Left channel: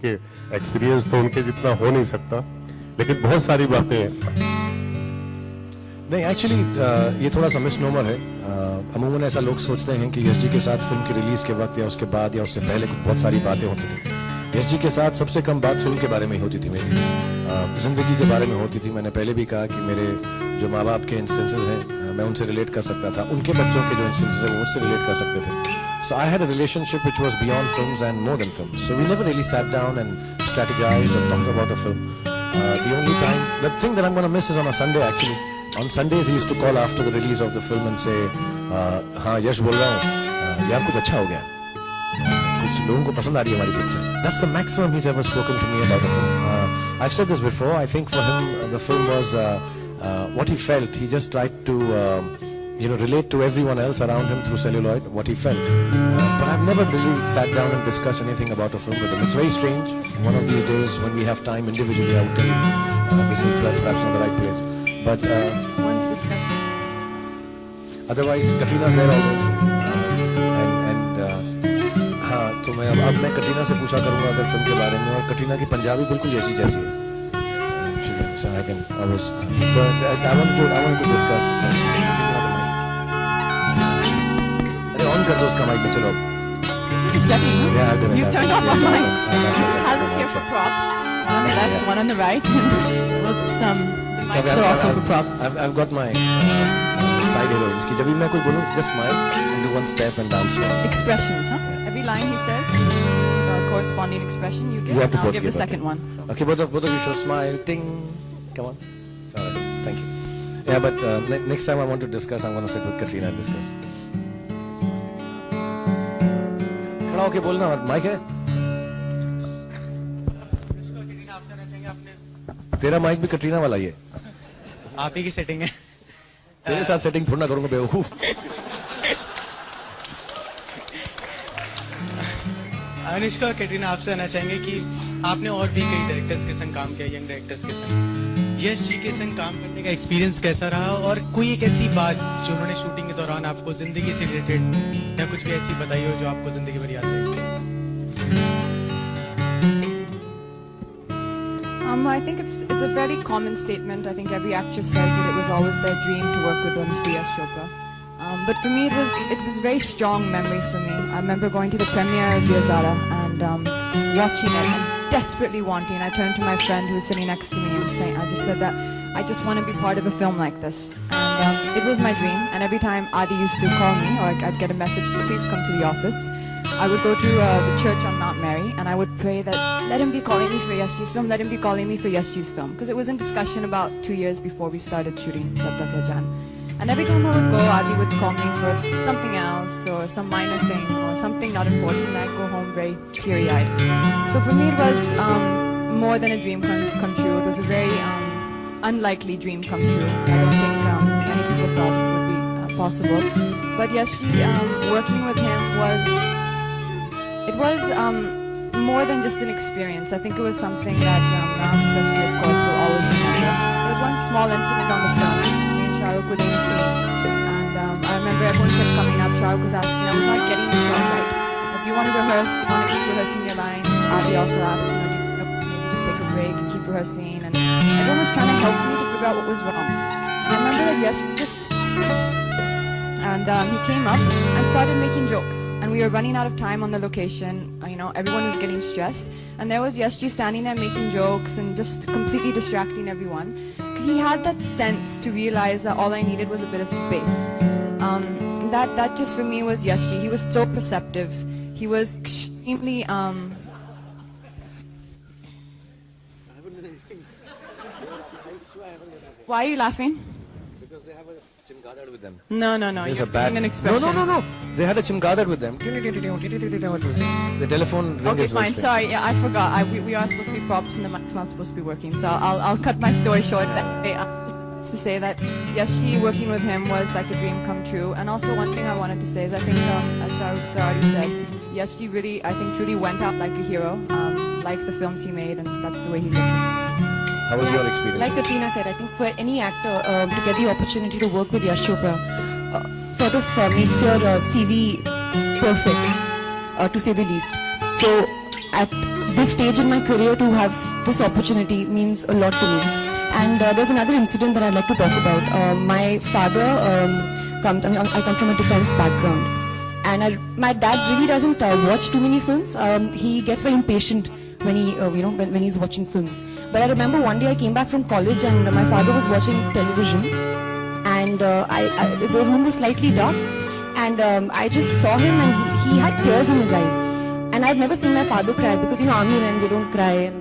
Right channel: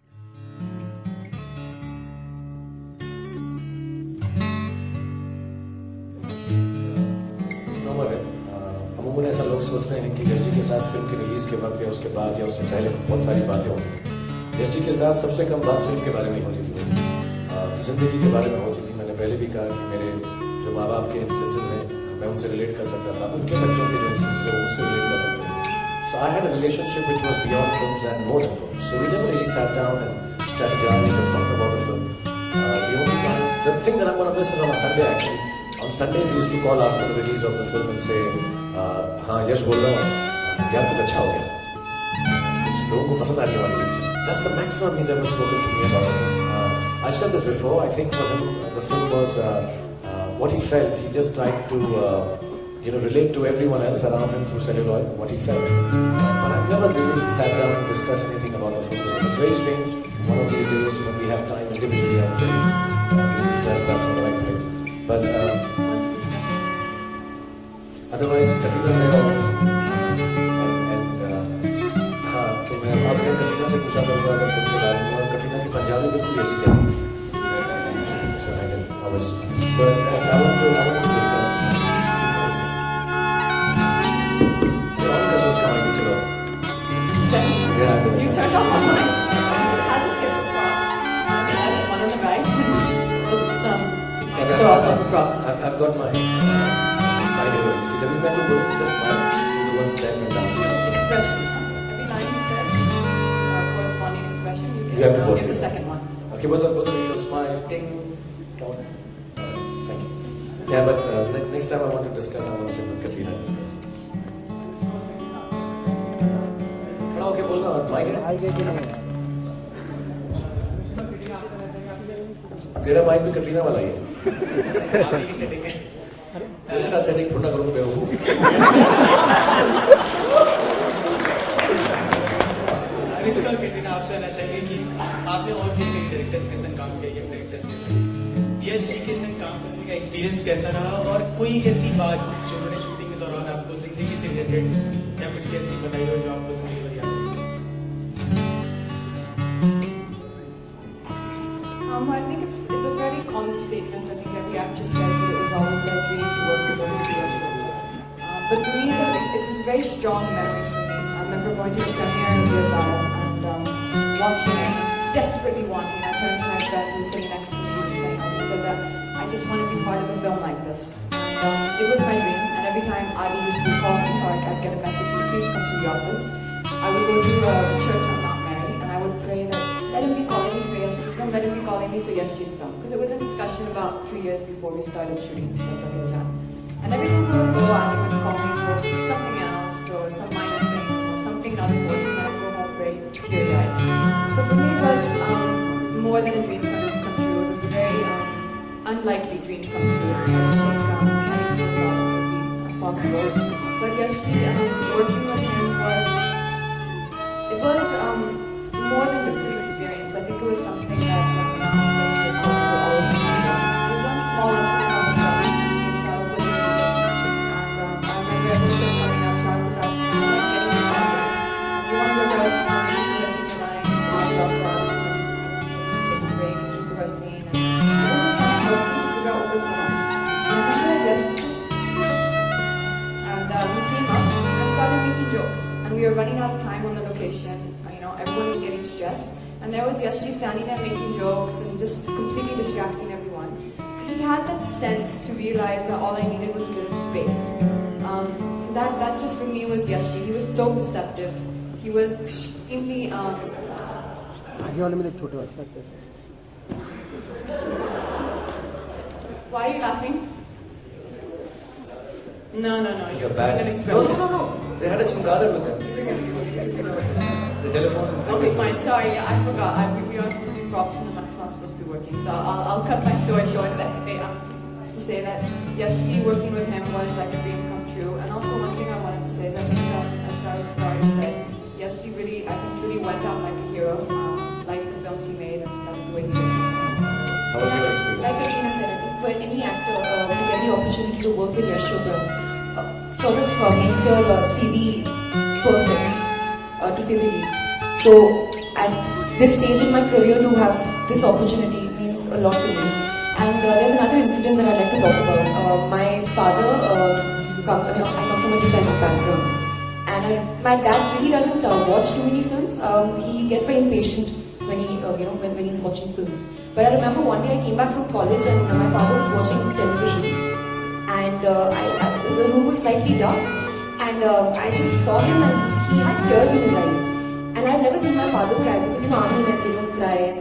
क्योंकि एक्सपीरियंस तो उनके जितना हो नहीं सकता, लेकिन बहुत सारी बातें हैं। नहीं, एक्चुअली ये थोड़ा सा मिसनोमर है। अमूमन ऐसा लोग सोचते हैं कि यश जी के साथ फिल्म की रिलीज के वक्त या उसके बाद या उससे पहले बहुत सारी बातें होती थी। यश जी के साथ सबसे कम बात फिल्म के बारे में ही होती थी, मेरी जिंदगी के बारे में होती थी। मैंने पहले भी कहा कि मेरे जो माँ बाप के इंस्टेंसेस हैं, मैं उनसे रिलेट कर सकता था, उनके बच्चों के जो इंस्टेंसेस हैं उनसे रिलेट कर सकते थे। So I had a relationship which was beyond films and more than films. So we never really sat down and strategized or talked about the film. The only time, the thing that I'm going to miss is on a Sunday actually. On Sundays he used to call after the release of the film and say, हाँ यश बोल रहा हूँ, यार कुछ अच्छा हो गया, कुछ लोगों को पसंद आ रही है हमारी film. That's the maximum he's ever spoken to me about the film. I've said this before. I think for him the film was what he felt. He just tried to relate to everyone else around him through celluloid, what he felt. But I've never really sat down and discussed anything about the film with him. It's very strange. One of these days when we have time individually, I'll tell you this is perhaps in the right place. But otherwise, Katrina's there always. हाँ, तो मैं आपने कटरीना से पूछा था अगर film के बारे में, और कटरीना की पंजाबी बिल्कुल यही जैसी। So I can always. So I want to discuss. You turned off our mics. This is Alice here for props. On the right, one on the right. So awesome props. I've got my side heroines. कि जब भी मैं कोई बोलूँ, just smile, do one step and dance. Expressions, huh? Every line he says, corresponding expression you get. Yeah, Now I'll give the second one. So. Okay, both of you show smile, ting. Come on. Thank you. Yeah, but next time I want to discuss, I'm going to sit with Katrina and discuss. खड़ा होके बोलना, mic है? तेरा mic भी कटरीना वाला ही है। आप ही की सेटिंग है। तेरे साथ सेटिंग थोड़ा करूँगा बेवकूफ। अनुष्का, कैटरीना आपसे आना चाहिए कि आपने और भी कई डायरेक्टर्स के संग काम किया, यंग डायरेक्टर्स के संग। यश जी के संग काम करने का एक्सपीरियंस कैसा रहा, और कोई एक ऐसी बात जो उन्होंने शूटिंग के दौरान आपको जिंदगी से रिलेटेड या कुछ भी ऐसी बताई हो जो आपको जिंदगी भर याद है? I think it's a very common statement. I think every actress says that it was always their dream to work with obviously Yash Chopra. But for me, it was a very strong memory for me. I remember going to the premiere in Piazzara and watching it, desperately wanting. I turned to my friend who was sitting next to me and I just said that I just want to be part of a film like this. And it was my dream. And every time Adi used to call me or I'd get a message to please come to the office, I would go to the church I'm not married and I would pray that let him be calling me for Yashji's film, let him be calling me for Yashji's film. Because it was in discussion about 2 years before we started shooting Jab Tak Hai Jaan. And every time I would go out, he would call me for something else or some minor thing or something not important and I'd go home very teary-eyed. So for me it was more than a dream come true. It was a very unlikely dream come true. I don't think many people thought it would be possible. But Yashji, working with him was more than just an experience. I think it was something that especially of course will always remember. There was one small incident on the film. Me and Shahrukh were in the scene, and I remember everyone coming up. Shahrukh was asking us, like, getting to the point, do you want to rehearse? Do you want to keep rehearsing your lines? I also asked him, just take a break and keep rehearsing. And everyone was trying to help me figure out what was wrong. I remember and he came up and started making jokes. And we were running out of time on the location. Everyone was getting stressed, and there was Yashji standing there making jokes and just completely distracting everyone. He had that sense to realize that all I needed was a bit of space. That just for me was Yashji. He was so perceptive. He was extremely Why are you laughing? No. It's You're a bad an expression. No. They had a chimkadar with them. The telephone. Okay, fine. Sorry, yeah, I forgot. We are supposed to be props and the mic's not supposed to be working. So I'll cut my story short. That to say that Yashji working with him was like a dream come true. And also one thing I wanted to say is I think as Shahrukh already said, Yashji really, I think, truly went out like a hero, like the films he made, and that's the way he did. How was your experience? Like Katrina said, I think for any actor to get the opportunity to work with Yash Chopra sort of makes your CV perfect, to say the least. So at this stage in my career to have this opportunity means a lot to me. And there's another incident that I'd like to talk about. My father, I come from a defense background, and my dad really doesn't watch too many films. He gets very impatient when when he's watching films. But I remember one day I came back from college and my father was watching television, and the room was slightly dark, and I just saw him and he had tears in his eyes. And I'd never seen my father cry because army men, they don't cry,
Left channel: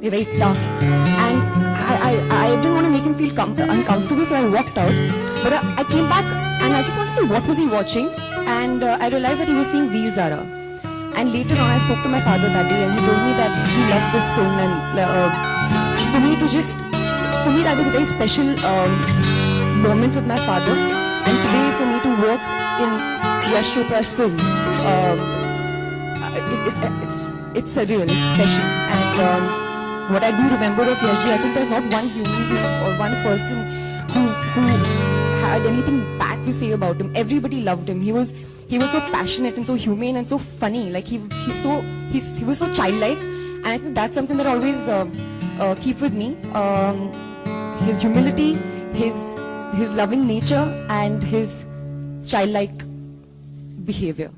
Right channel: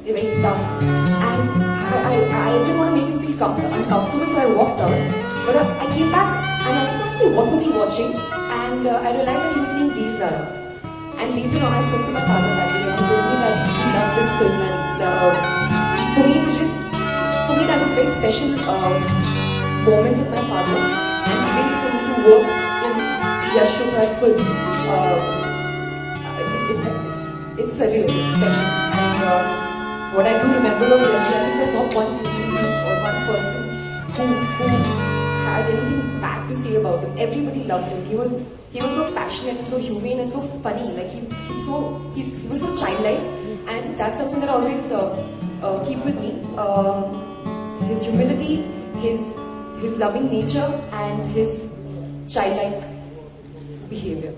they're very tough. And I didn't want to make him feel uncomfortable, so I walked out. But I came back and I just wanted to see what was he watching, and I realized that he was seeing Veer Zara. And later on I spoke to my father that day and he told me that he loved this film, and for me that was a very special moment with my father. And today for me to work in Yash Chopra's film, it's surreal, it's special. And what I do remember of Yash, I think there's not one human being or one person who had anything bad to say about him. Everybody loved him. He was so passionate and so humane and so funny. Like he was so childlike, and I think that's something that I always keep with me. His humility, his loving nature, and his childlike behavior.